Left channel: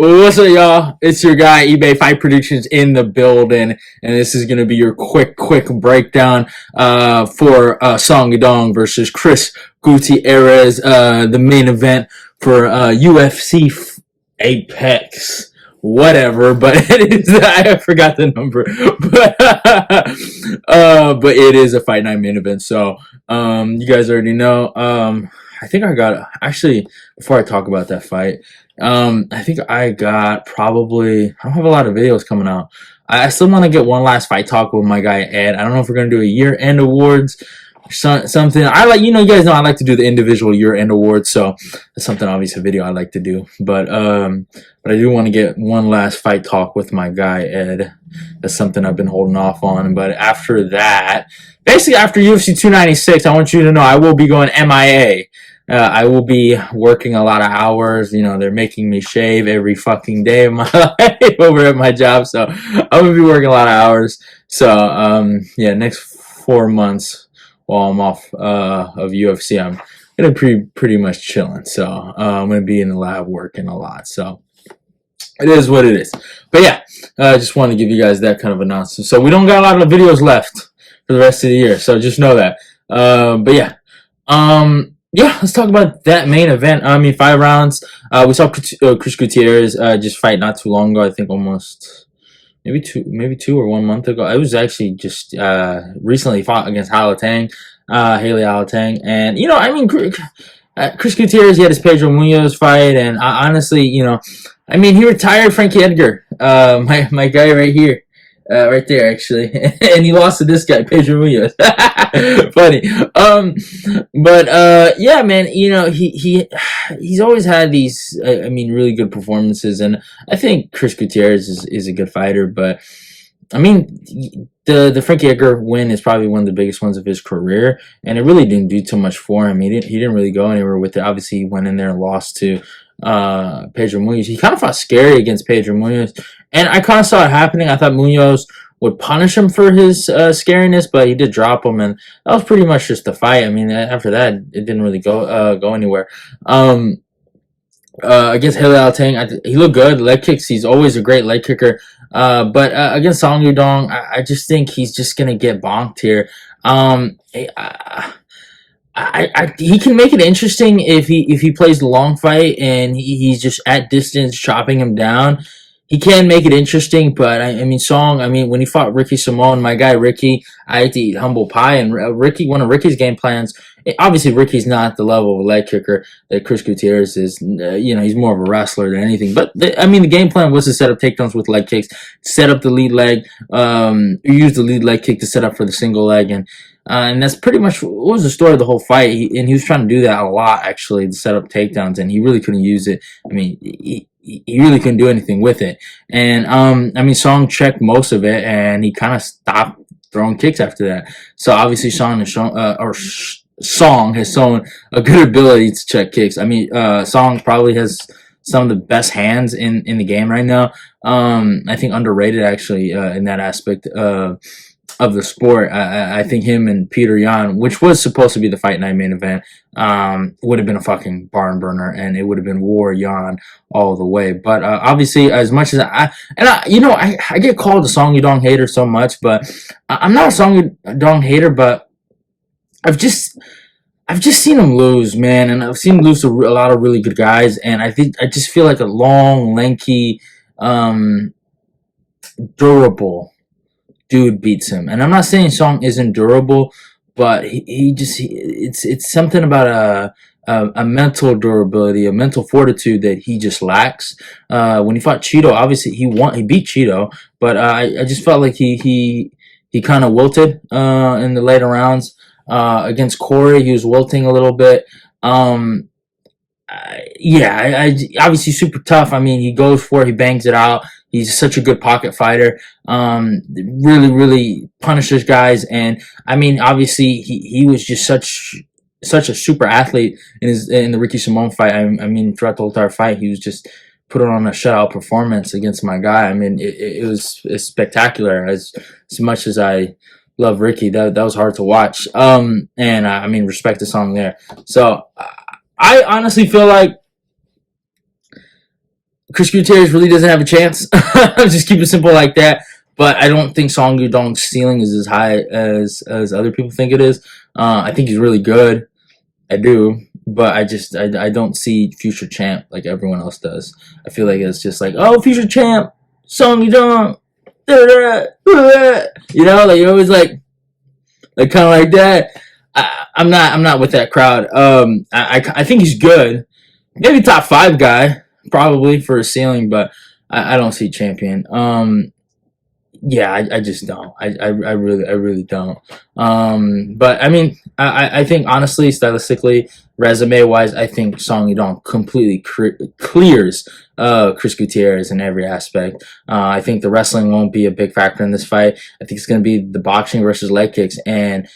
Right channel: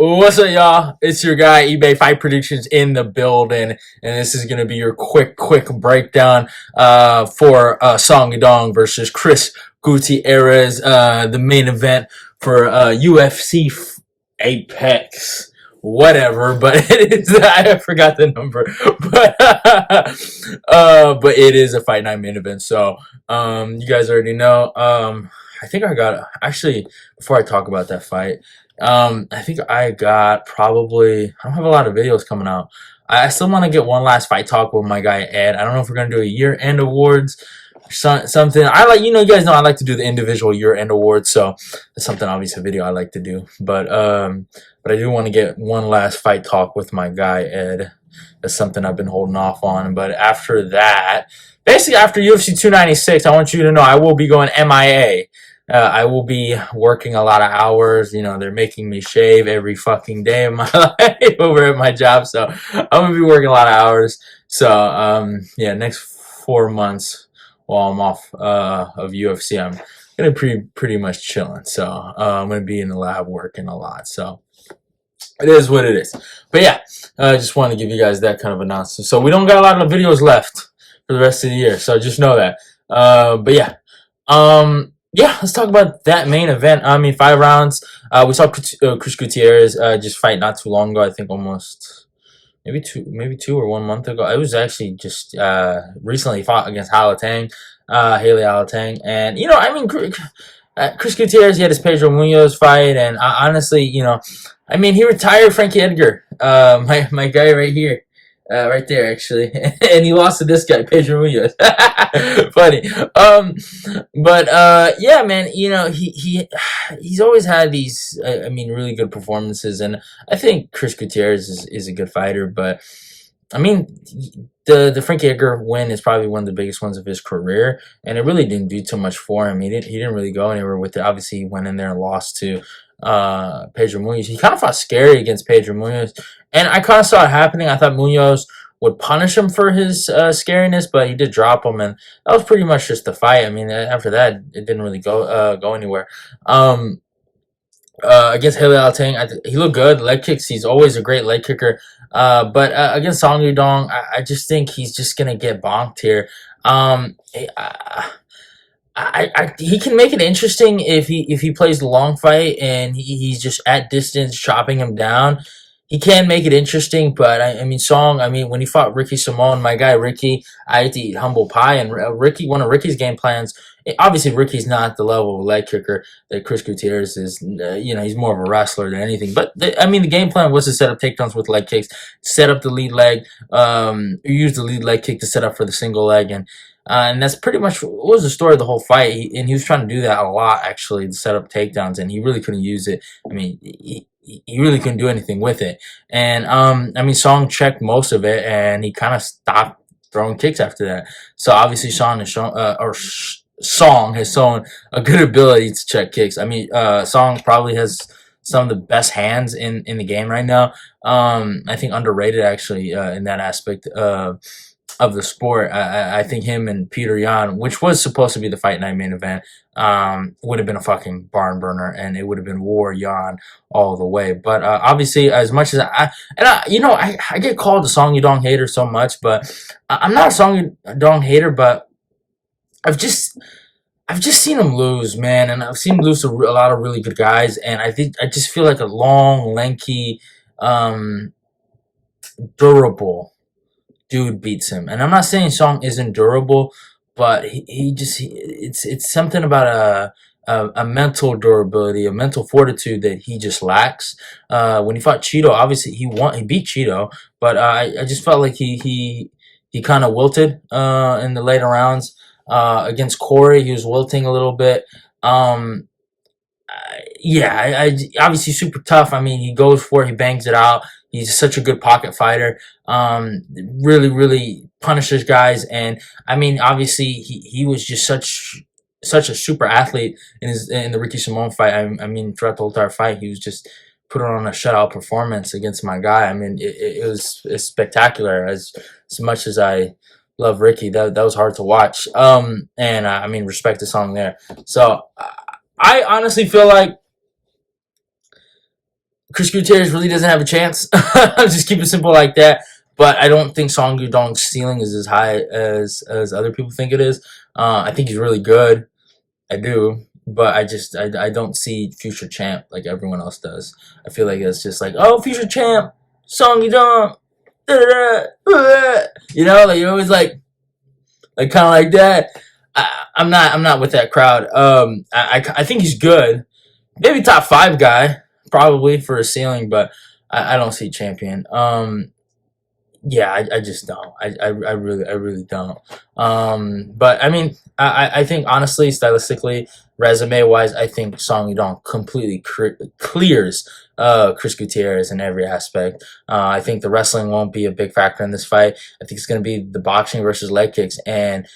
What's up, y'all? It's your guy, eBay Fight Predictions in the building, and this is gonna be your quick breakdown for Song Yadong versus Chris Gutierrez, the main event for UFC Apex, whatever. But it is I forgot the number, but it is a Fight Night main event. So you guys already know. I think I got actually before I talk about that fight. I think I got probably, I don't have a lot of videos coming out. I still want to get one last fight talk with my guy Ed. I don't know if we're gonna do a year-end awards, something. I like, you guys know I like to do the individual year-end awards, so that's something, obviously, a video I like to do. But I do want to get one last fight talk with my guy Ed. That's something I've been holding off on. But after that, basically after UFC 296, I want you to know I will be going MIA. I will be working a lot of hours. They're making me shave every fucking day of my life over at my job. So I'm going to be working a lot of hours. So, yeah, next 4 months while I'm off of UFC, I'm going to be pretty much chilling. So I'm going to be in the lab working a lot. So it is what it is. But yeah, I just want to give you guys that kind of announcement. So we don't got a lot of videos left for the rest of the year. So just know that. But yeah. Yeah, let's talk about that main event. I mean, 5 rounds. We saw Chris Gutierrez just fight not too long ago. I think almost maybe 2 or 1 month ago. I was actually just recently fought against Haley Alatang, and I mean, Chris Gutierrez, he had his Pedro Munoz fight, and honestly, I mean, he retired Frankie Edgar, my guy right here. Right there, actually, and he lost to this guy, Pedro Munoz. Funny, but yeah, man. He's always had these, I mean, really good performances, and I think Chris Gutierrez is a good fighter. But I mean, the Frankie Edgar win is probably one of the biggest ones of his career, and it really didn't do too much for him. He didn't really go anywhere with it. Obviously, he went in there and lost to Pedro Munoz. He kind of fought scary against Pedro Munoz, and I kind of saw it happening. I thought Munoz would punish him for his scariness, but he did drop him, and that was pretty much just the fight. I mean, after that, it didn't really go anywhere. Against Haley Alatang, he looked good. Leg kicks, he's always a great leg kicker. But against Song Yadong, I just think he's just gonna get bonked here. He can make it interesting if he plays the long fight and he's just at distance chopping him down. He can make it interesting, but I mean, Song. I mean, when he fought Ricky Simone, my guy Ricky, I had to eat humble pie, and one of Ricky's game plans. Obviously, Ricky's not the level of a leg kicker that Chris Gutierrez is. He's more of a wrestler than anything. But I mean, the game plan was to set up takedowns with leg kicks, set up the lead leg, use the lead leg kick to set up for the single leg, and that's pretty much what was the story of the whole fight. He was trying to do that a lot, actually, to set up takedowns, and he really couldn't use it. I mean, he really couldn't do anything with it. And I mean, Song checked most of it, and he kind of stopped throwing kicks after that. So obviously, Song has shown a good ability to check kicks. I mean, Song probably has some of the best hands in the game right now. I think underrated, actually, in that aspect of the sport. I think him and Peter Yan, which was supposed to be the Fight Night main event, would have been a fucking barn burner, and it would have been War Yan all the way. But obviously, as much as I get called a Song Yadong hater so much, but I'm not a Song Yadong hater, but I've just seen him lose, man, and I've seen him lose to a lot of really good guys, and I just feel like a long, lanky, durable dude beats him. And I'm not saying Song isn't durable, but it's something about a mental durability, a mental fortitude that he just lacks. When he fought Cheeto, obviously he beat Cheeto, but I just felt like he kind of wilted in the later rounds. Against Corey, he was wilting a little bit. Yeah, obviously super tough. I mean, he goes for it, he bangs it out. He's such a good pocket fighter. Really punishes guys, and I mean, obviously he was just such a super athlete in the Ricky Simone fight. I mean, throughout the whole entire fight, he was just put on a shutout performance against my guy. I mean, it's spectacular. As much as I love Ricky, that was hard to watch. And I mean, respect the Song there. So I honestly feel like Chris Gutierrez really doesn't have a chance. Just keep it simple like that. But I don't think Song Yadong's ceiling is as high as other people think it is. I think he's really good. I do, but I don't see future champ like everyone else does. I feel like it's just like, oh, future champ, Song Yadong, you know, like you're always like kind of like that. I'm not with that crowd. I think he's good, maybe top five guy probably for a ceiling, but I don't see champion. Yeah, I just don't. I really don't. But I mean, I think honestly, stylistically, resume wise, I think Song Yudong completely clears Chris Gutierrez in every aspect. I think the wrestling won't be a big factor in this fight. I think it's going to be the boxing versus leg kicks, and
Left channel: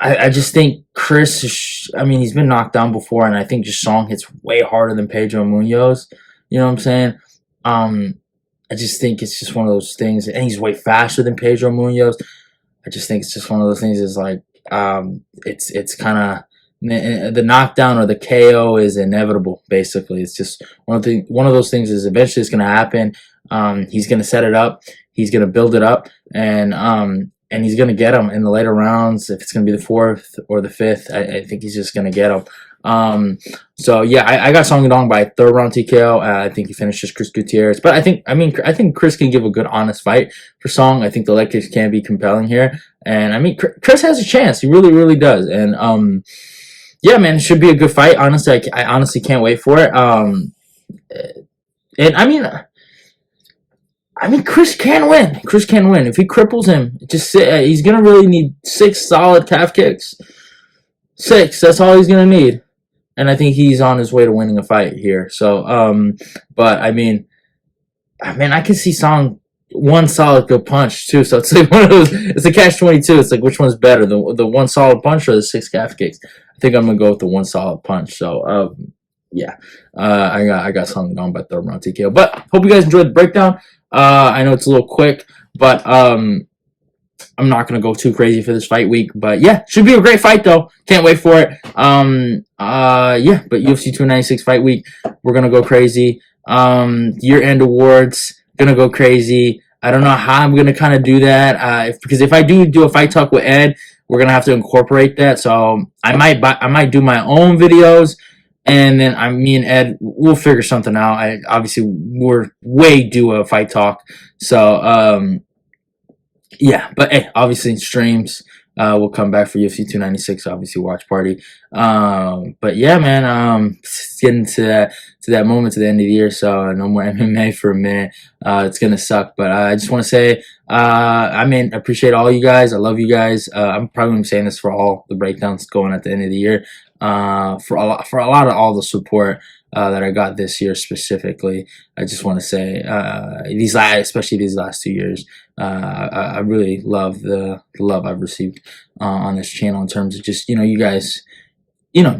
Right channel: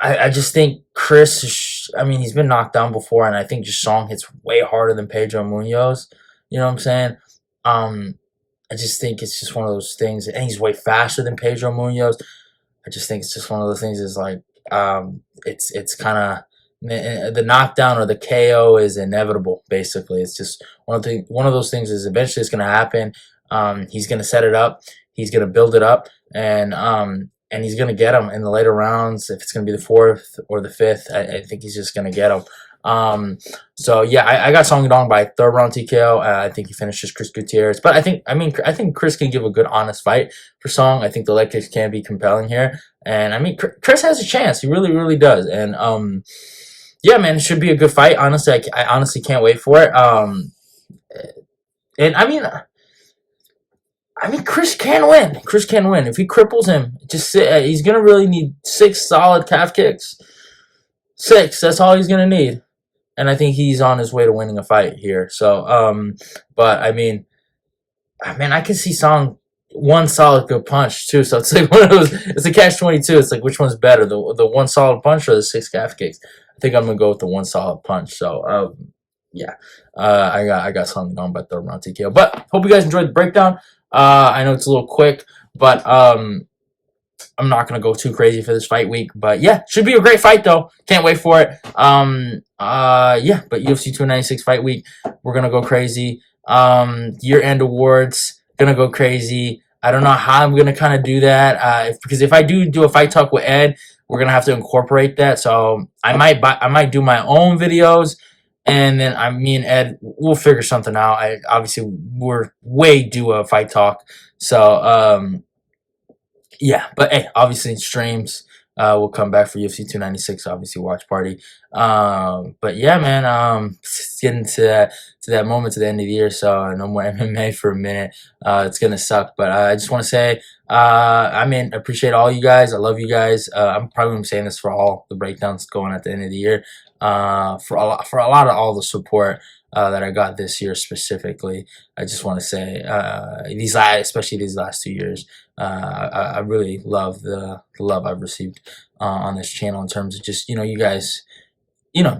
I just think Chris. I mean, he's been knocked down before, and I think just Song hits way harder than Pedro Munoz. You know what I'm saying? Um, I just think it's just one of those things, and he's way faster than Pedro Munoz. I just think it's just one of those things. Is like, it's kind of the knockdown or the KO is inevitable. Basically, it's just one of those things is eventually it's going to happen. He's going to set it up. He's going to build it up, and he's going to get him in the later rounds. If it's going to be the fourth or the fifth, I think he's just going to get him. So yeah, I got Song Yadong by third round TKO. I think he finishes Chris Gutierrez, but I think Chris can give a good, honest fight for Song. I think the leg kicks can be compelling here, and I mean, Chris has a chance. He really, really does. And yeah, man, it should be a good fight. Honestly, I honestly can't wait for it. And I mean, Chris can win. Chris can win if he cripples him. He's gonna really need 6 solid calf kicks. 6. That's all he's gonna need. And I think he's on his way to winning a fight here. So, but I mean, I can see Song one solid good punch too. So it's like one of those. It's a catch-22. It's like which one's better, the one solid punch or the 6 calf kicks? I think I'm gonna go with the one solid punch. So, yeah, I got Song on by third round TKO. But hope you guys enjoyed the breakdown. I know it's a little quick, but I'm not gonna go too crazy for this fight week, but yeah, should be a great fight though. Can't wait for it. Yeah, but UFC 296 fight week, we're gonna go crazy. Year-end awards, gonna go crazy. I don't know how I'm gonna kind of do that. Because if I do a fight talk with Ed, we're gonna have to incorporate that. So I might do my own videos, and then me and Ed, we'll figure something out. Obviously we're way due a fight talk, so yeah, but hey, obviously streams will come back for UFC 296. Obviously, watch party. But yeah, man, it's getting to that moment to the end of the year, so no more MMA for a minute. It's gonna suck, but I just want to say, I mean, appreciate all you guys. I love you guys. I'm probably gonna be saying this for all the breakdowns going at the end of the year. For a lot of all the support that I got this year specifically. I just want to say especially these last 2 years, I really love the love I've received on this channel in terms of just you guys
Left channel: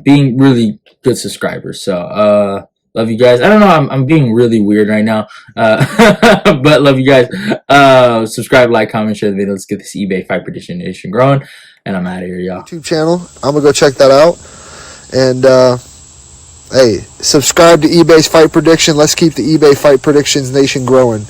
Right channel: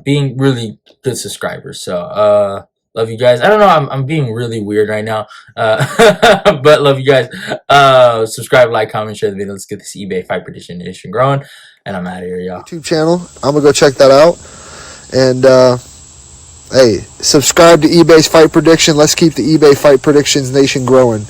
being really good subscribers. So love you guys. I don't know, I'm being really weird right now, but love you guys. Subscribe, like, comment, share the video. Let's get this eBay Fight Prediction Nation growing, and I'm out of here, y'all. YouTube channel. I'm gonna go check that out. And hey, subscribe to eBay's Fight Prediction. Let's keep the eBay Fight Predictions Nation growing.